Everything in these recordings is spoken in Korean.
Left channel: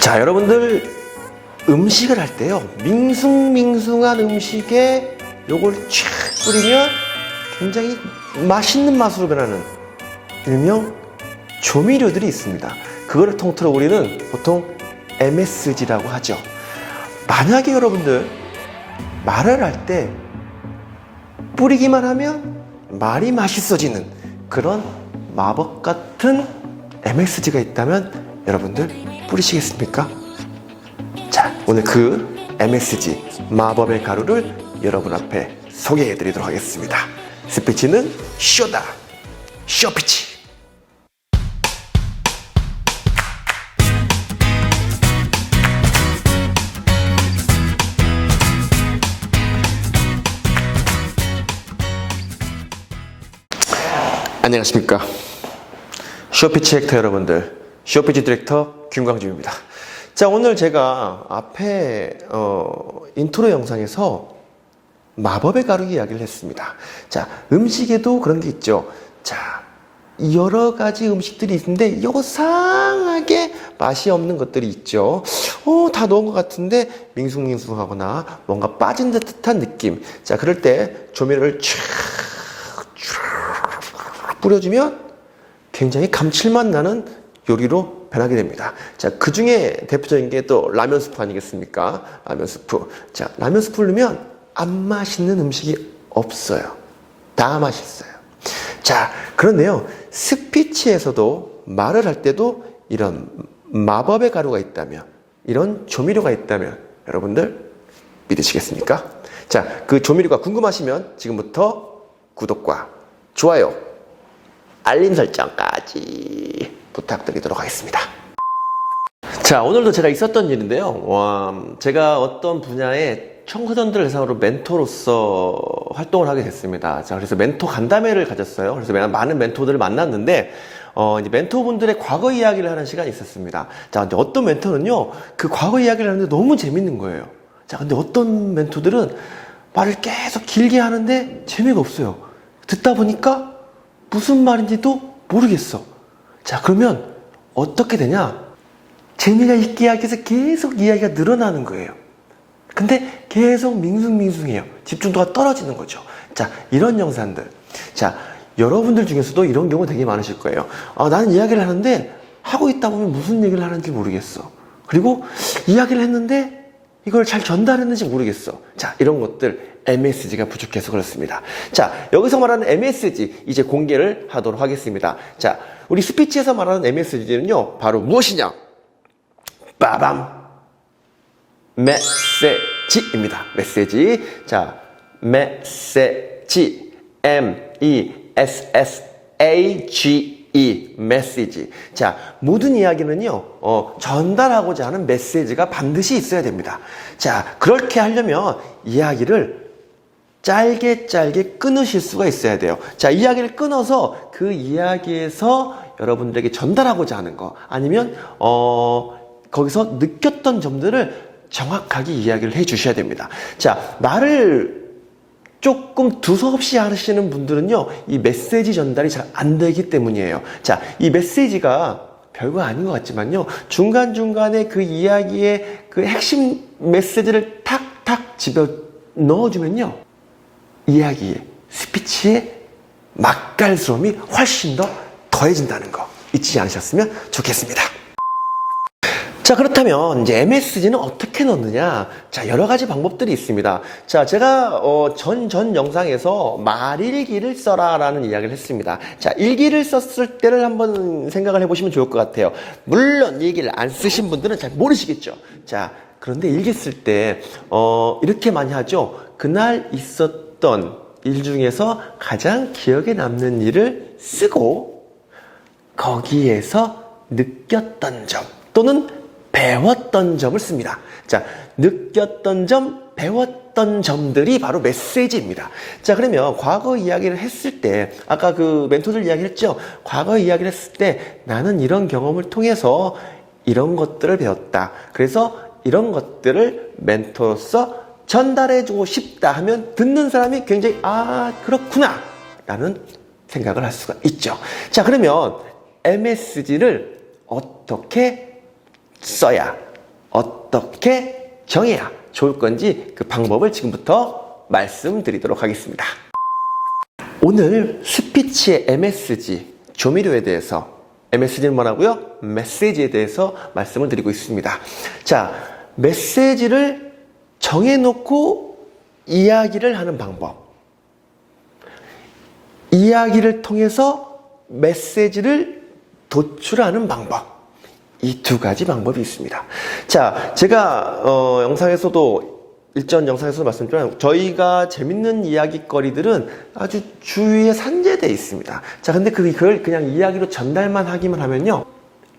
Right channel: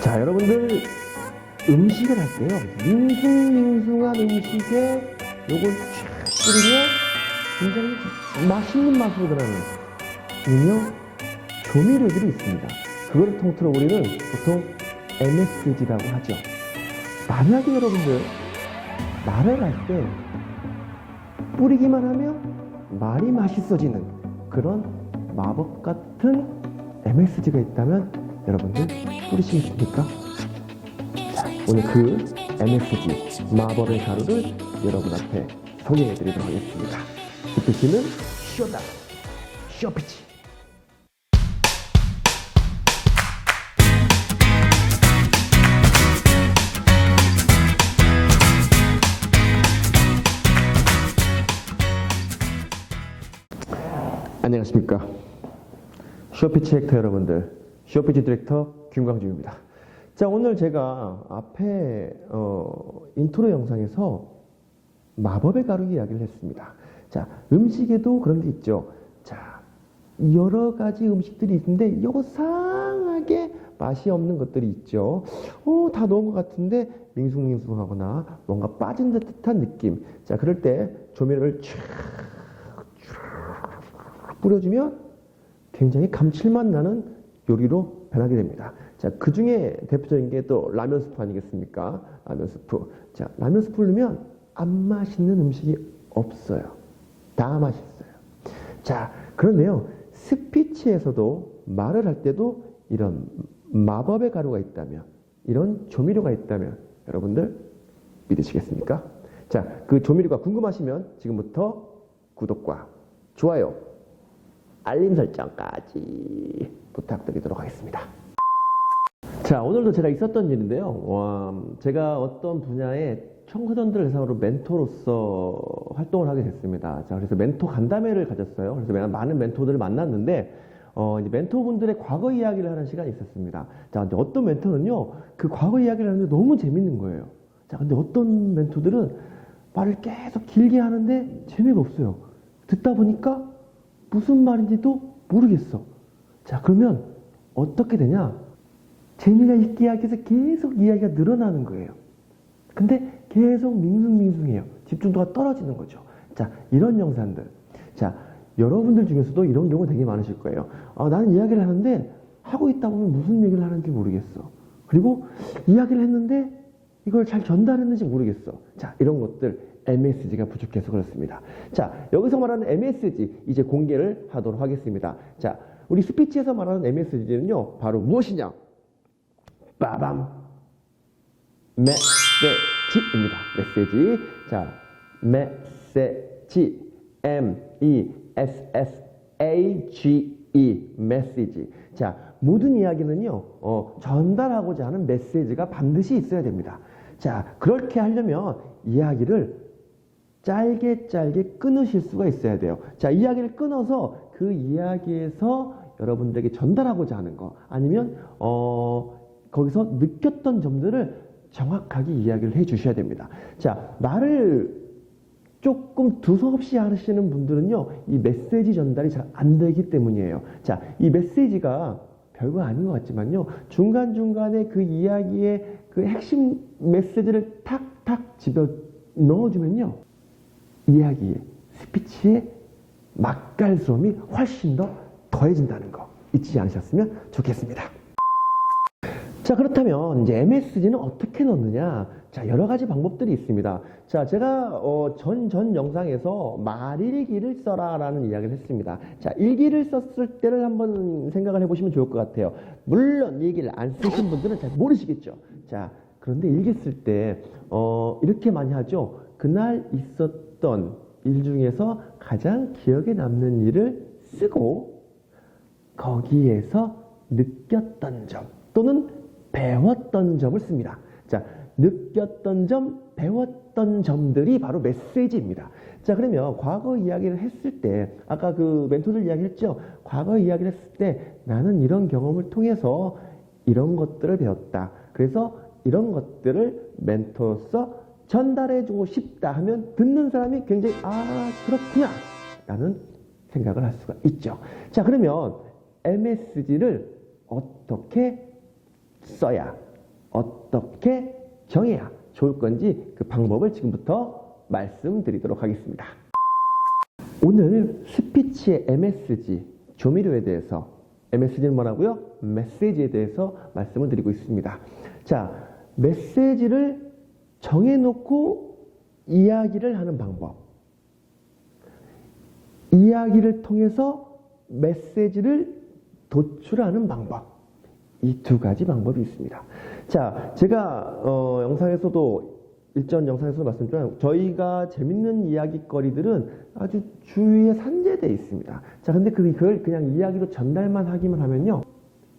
자, 여러분들 음식을 할 때요, 밍숭밍숭한 음식에 요걸 쫙 뿌리면 굉장히 맛있는 맛으로 변하는 일명 조미료들이 있습니다. 그거를 통틀어 우리는 보통 MSG라고 하죠. 만약에 여러분들 말을 할 때 뿌리기만 하면 말이 맛있어지는 그런 마법 같은 MSG가 있다면 여러분들 뿌리시겠습니까? 자, 오늘 그 MSG 마법의 가루를 여러분 앞에 소개해 드리도록 하겠습니다. 스피치는 쇼다, 쇼피치. 안녕하십니까, 쇼피치 액터 여러분들, 쇼피치 디렉터 김광주입니다. 자, 오늘 제가 앞에 인트로 영상에서 마법의 가루 이야기를 했습니다. 자, 음식에도 그런 게 있죠. 자, 여러 가지 음식들이 있는데 요상하게 맛이 없는 것들이 있죠. 다 넣은 것 같은데 밍숭밍숭하거나 뭔가 빠진 듯한 느낌. 자, 그럴 때 조미료를 쫙 뿌려주면 굉장히 감칠맛 나는 요리로 변하게 됩니다. 자, 그 중에 대표적인 게 또 라면 스프 아니겠습니까? 라면 스프. 자, 라면 스프를 넣으면 안 맛있는 음식이 없어요. 다 맛있어요. 자, 그런데요, 스피치에서도 말을 할 때도 이런 마법의 가루가 있다면, 이런 조미료가 있다면 여러분들 믿으시겠습니까? 자, 그 조미료가 궁금하시면 지금부터 구독과 좋아요, 알림 설정까지 부탁드리도록 하겠습니다. 자, 오늘도 제가 있었던 일인데요. 제가 어떤 분야의 청소년들 대상으로 멘토로서 활동을 하게 됐습니다. 자, 그래서 멘토 간담회를 가졌어요. 그래서 많은 멘토들을 만났는데, 이제 멘토분들의 과거 이야기를 하는 시간이 있었습니다. 자, 근데 어떤 멘토는요, 그 과거 이야기를 하는데 너무 재밌는 거예요. 자, 근데 어떤 멘토들은 말을 계속 길게 하는데 재미가 없어요. 듣다 보니까 무슨 말인지도 모르겠어. 자, 그러면 어떻게 되냐? 재미가 있게 하기 위해서 계속 이야기가 늘어나는 거예요. 근데 계속 밍숭밍숭해요. 집중도가 떨어지는 거죠. 자, 이런 영상들. 자, 여러분들 중에서도 이런 경우 되게 많으실 거예요. 나는 이야기를 하는데 하고 있다 보면 무슨 얘기를 하는지 모르겠어. 그리고 이야기를 했는데 이걸 잘 전달했는지 모르겠어. 자, 이런 것들 MSG가 부족해서 그렇습니다. 자, 여기서 말하는 MSG 이제 공개를 하도록 하겠습니다. 자, 우리 스피치에서 말하는 MSG는요, 바로 무엇이냐? 빠밤! 메시지입니다. 메시지. 자, 메시지. MESSAGE. 메시지. 자, 모든 이야기는요, 전달하고자 하는 메시지가 반드시 있어야 됩니다. 자, 그렇게 하려면 이야기를 짧게 끊으실 수가 있어야 돼요. 자, 이야기를 끊어서 그 이야기에서 여러분들에게 전달하고자 하는 거, 아니면 거기서 느꼈던 점들을 정확하게 이야기를 해 주셔야 됩니다. 자, 말을 조금 두서없이 하시는 분들은요, 이 메시지 전달이 잘 안 되기 때문이에요. 자, 이 메시지가 별거 아닌 것 같지만요, 중간중간에 그 이야기의 그 핵심 메시지를 탁탁 집어 넣어주면요, 이야기의, 스피치의 맛깔스러움이 훨씬 더 더해진다는 거 잊지 않으셨으면 좋겠습니다. 자, 그렇다면 이제 MSG는 어떻게 넣느냐? 자, 여러 가지 방법들이 있습니다. 자, 제가 전 영상에서 말일기를 써라라는 이야기를 했습니다. 자, 일기를 썼을 때를 한번 생각을 해보시면 좋을 것 같아요. 물론 일기를 안 쓰신 분들은 잘 모르시겠죠. 자, 그런데 일기 쓸 때 이렇게 많이 하죠. 그날 있었던 일 중에서 가장 기억에 남는 일을 쓰고 거기에서 느꼈던 점 또는 배웠던 점을 씁니다. 자, 느꼈던 점, 배웠던 점들이 바로 메시지입니다. 자, 그러면 과거 이야기를 했을 때, 아까 그 멘토들 이야기를 했죠? 과거 이야기를 했을 때 나는 이런 경험을 통해서 이런 것들을 배웠다. 그래서 이런 것들을 멘토로서 전달해주고 싶다 하면 듣는 사람이 굉장히 그렇구나 라는 생각을 할 수가 있죠. 자, 그러면 MSG를 어떻게 써야, 어떻게 정해야 좋을 건지 그 방법을 지금부터 말씀드리도록 하겠습니다. 오늘 스피치의 MSG, 조미료에 대해서, MSG는 뭐라고요? 메시지에 대해서 말씀을 드리고 있습니다. 자, 메시지를 정해놓고 이야기를 하는 방법. 이야기를 통해서 메시지를 도출하는 방법. 이 두 가지 방법이 있습니다. 자, 제가 일전 영상에서도 말씀드렸지만 저희가 재밌는 이야기거리들은 아주 주위에 산재되어 있습니다. 자, 근데 그걸 그냥 이야기로 전달만 하기만 하면요,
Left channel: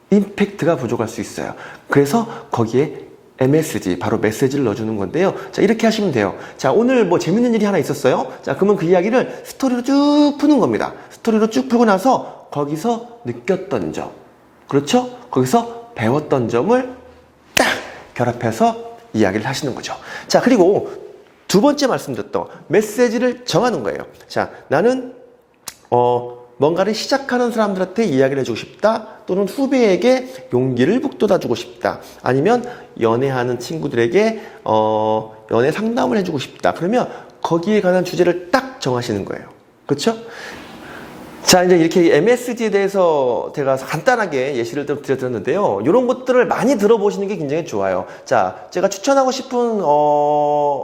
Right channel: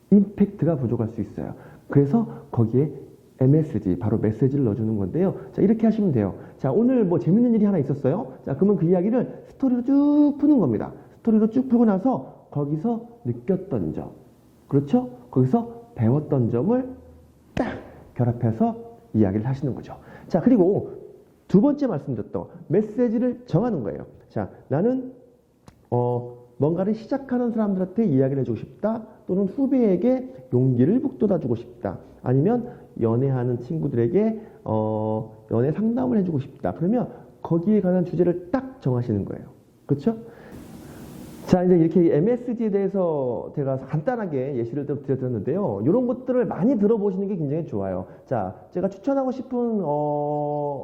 임팩트가 부족할 수 있어요. 그래서 거기에 MSG, 바로 메시지를 넣어주는 건데요. 자, 이렇게 하시면 돼요. 자, 오늘 뭐 재밌는 일이 하나 있었어요. 자, 그러면 그 이야기를 스토리로 쭉 푸는 겁니다. 스토리로 쭉 풀고 나서 거기서 느꼈던 점, 그렇죠? 거기서 배웠던 점을 딱 결합해서 이야기를 하시는 거죠. 자, 그리고 두 번째 말씀드렸던 메시지를 정하는 거예요. 자, 나는 뭔가를 시작하는 사람들한테 이야기를 해주고 싶다, 또는 후배에게 용기를 북돋아주고 싶다, 아니면 연애하는 친구들에게 연애 상담을 해주고 싶다. 그러면 거기에 관한 주제를 딱 정하시는 거예요. 그렇죠? 자, 이제 이렇게 MSG에 대해서 제가 간단하게 예시를 좀 드렸는데요. 이런 것들을 많이 들어보시는 게 굉장히 좋아요. 자, 제가 추천하고 싶은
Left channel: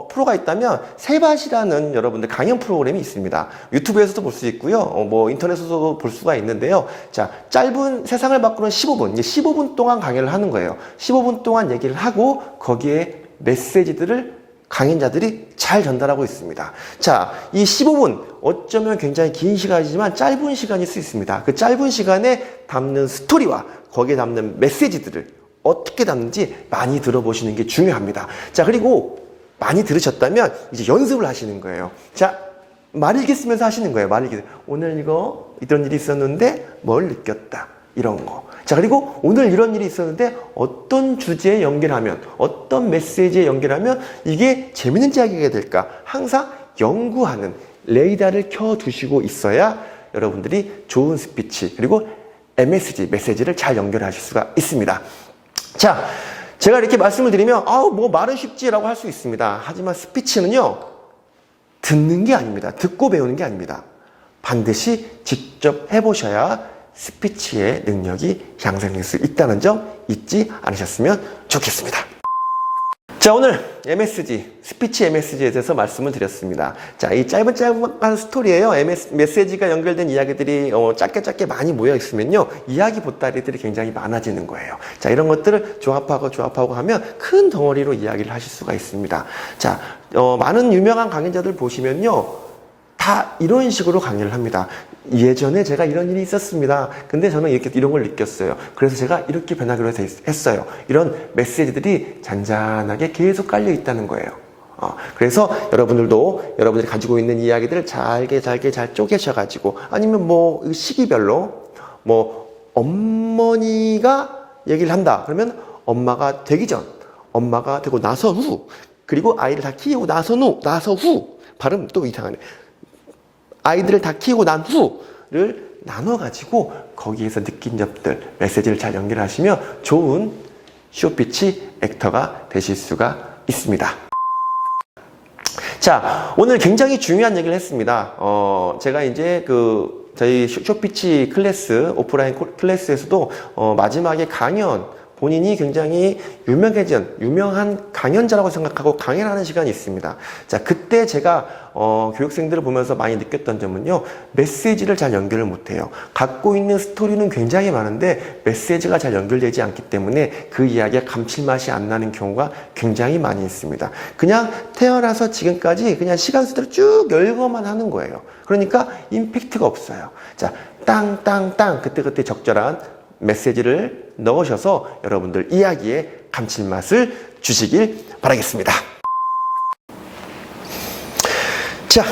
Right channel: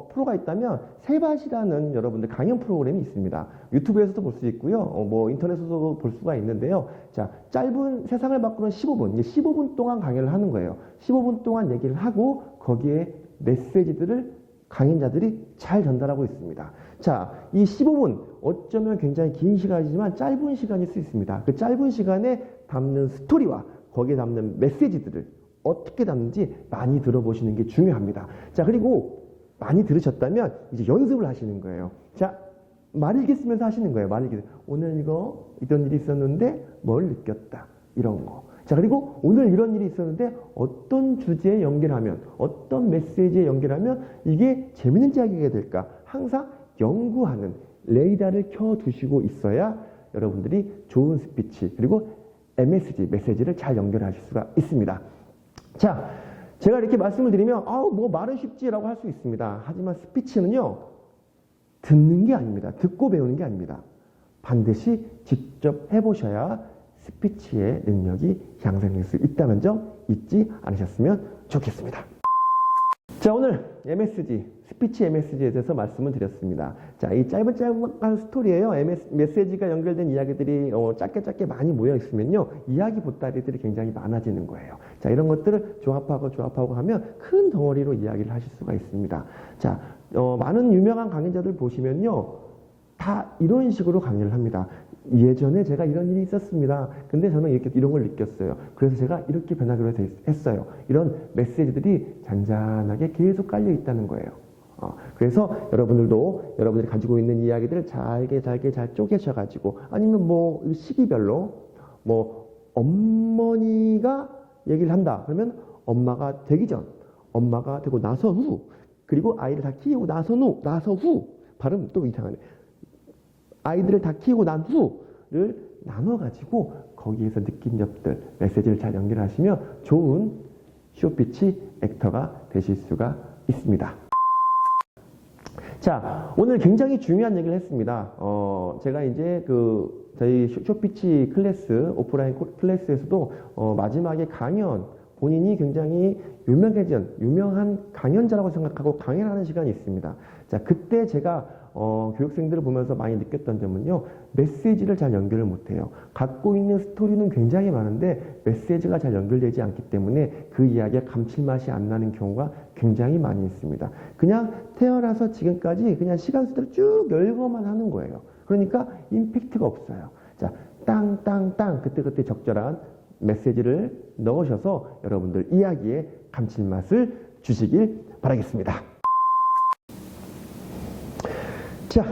프로가 있다면 세밭이라는 여러분들 강연 프로그램이 있습니다. 유튜브에서도 볼 수 있고요. 뭐 인터넷에서도 볼 수가 있는데요. 자, 짧은 세상을 바꾸는 15분, 이제 15분 동안 강연을 하는 거예요. 15분 동안 얘기를 하고 거기에 메시지들을 강연자들이 잘 전달하고 있습니다. 자, 이 15분, 어쩌면 굉장히 긴 시간이지만 짧은 시간일 수 있습니다. 그 짧은 시간에 담는 스토리와 거기에 담는 메시지들을 어떻게 담는지 많이 들어보시는 게 중요합니다. 자, 그리고 많이 들으셨다면 이제 연습을 하시는 거예요. 자, 말 읽기 쓰면서 하시는 거예요. 말 읽기. 오늘 이런 일이 있었는데 뭘 느꼈다. 이런 거. 자, 그리고 오늘 이런 일이 있었는데 어떤 주제에 연결하면, 어떤 메시지에 연결하면 이게 재밌는 이야기가 될까? 항상 연구하는 레이더를 켜두시고 있어야 여러분들이 좋은 스피치, 그리고 MSG, 메시지를 잘 연결하실 수가 있습니다. 자, 제가 이렇게 말씀을 드리면, 뭐 말은 쉽지라고 할 수 있습니다. 하지만 스피치는요, 듣는 게 아닙니다. 듣고 배우는 게 아닙니다. 반드시 직접 해보셔야 스피치의 능력이 향상될 수 있다는 점 잊지 않으셨으면 좋겠습니다. 자, 오늘 MSG, 스피치 MSG에 대해서 말씀을 드렸습니다. 자, 이 짧은 스토리예요. 메시지가 연결된 이야기들이 짧게 많이 모여 있으면요, 이야기 보따리들이 굉장히 많아지는 거예요. 자, 이런 것들을 조합하고 하면 큰 덩어리로 이야기를 하실 수가 있습니다. 자, 많은 유명한 강연자들 보시면요, 다 이런 식으로 강의를 합니다. 예전에 제가 이런 일이 있었습니다. 근데 저는 이런 걸 느꼈어요. 그래서 제가 이렇게 변하기로 했어요. 이런 메시지들이 잔잔하게 계속 깔려 있다는 거예요. 그래서 여러분들이 가지고 있는 이야기들을 잘게 잘 쪼개셔가지고, 아니면 뭐 시기별로, 뭐 어머니가 얘기를 한다. 그러면 엄마가 되기 전, 엄마가 되고 나서 후, 그리고 아이를 다 키우고 나서 후, 발음 또 이상하네. 아이들을 다 키우고 난 후를 나눠가지고 거기에서 느낀 점들, 메시지를 잘 연결하시면 좋은 쇼피치 액터가 되실 수가 있습니다. 자, 오늘 굉장히 중요한 얘기를 했습니다. 제가 이제 저희 쇼피치 클래스, 오프라인 클래스에서도 마지막에 본인이 굉장히 유명한 강연자라고 생각하고 강연하는 시간이 있습니다. 자, 그때 제가 교육생들을 보면서 많이 느꼈던 점은요, 메시지를 잘 연결을 못해요. 갖고 있는 스토리는 굉장히 많은데 메시지가 잘 연결되지 않기 때문에 그 이야기가 감칠맛이 안 나는 경우가 굉장히 많이 있습니다. 그냥 태어나서 지금까지 그냥 시간 순대로 쭉 열거만 하는 거예요. 그러니까 임팩트가 없어요. 자, 땅 그때 적절한 메시지를 넣으셔서 여러분들 이야기에 감칠맛을 주시길 바라겠습니다. 자,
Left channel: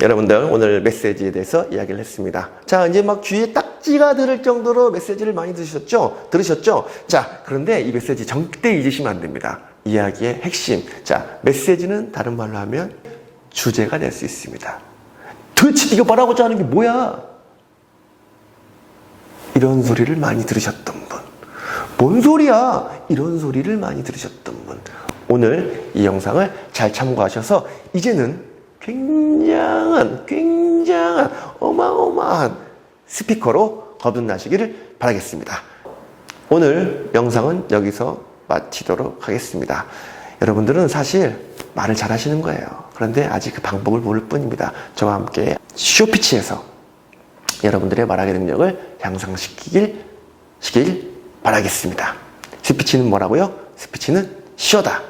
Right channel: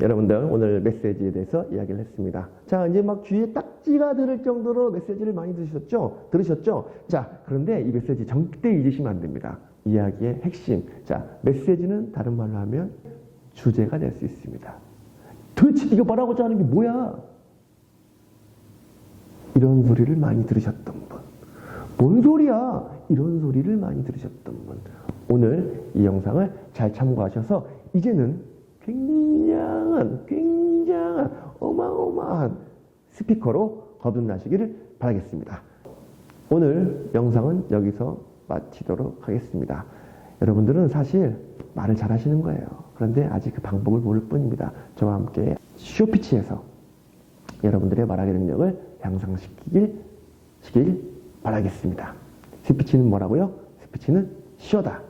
여러분들 오늘 메시지에 대해서 이야기를 했습니다. 자, 이제 막 귀에 딱지가 들을 정도로 메시지를 많이 들으셨죠? 자, 그런데 이 메시지 절대 잊으시면 안 됩니다. 이야기의 핵심. 자, 메시지는 다른 말로 하면 주제가 될 수 있습니다. 도대체 이거 말하고자 하는 게 뭐야? 이런 소리를 많이 들으셨던 분, 뭔 소리야? 이런 소리를 많이 들으셨던 분. 오늘 이 영상을 잘 참고하셔서 이제는 굉장한 어마어마한 스피커로 거듭나시기를 바라겠습니다. 오늘 영상은 여기서 마치도록 하겠습니다. 여러분들은 사실 말을 잘 하시는 거예요. 그런데 아직 그 방법을 모를 뿐입니다. 저와 함께 쇼피치에서 여러분들의 말하기 능력을 향상시키길 바라겠습니다. 스피치는 뭐라고요? 스피치는 쇼다.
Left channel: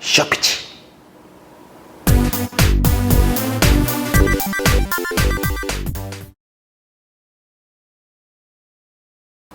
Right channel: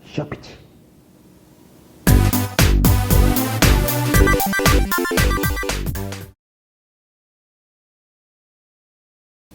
쇼피치.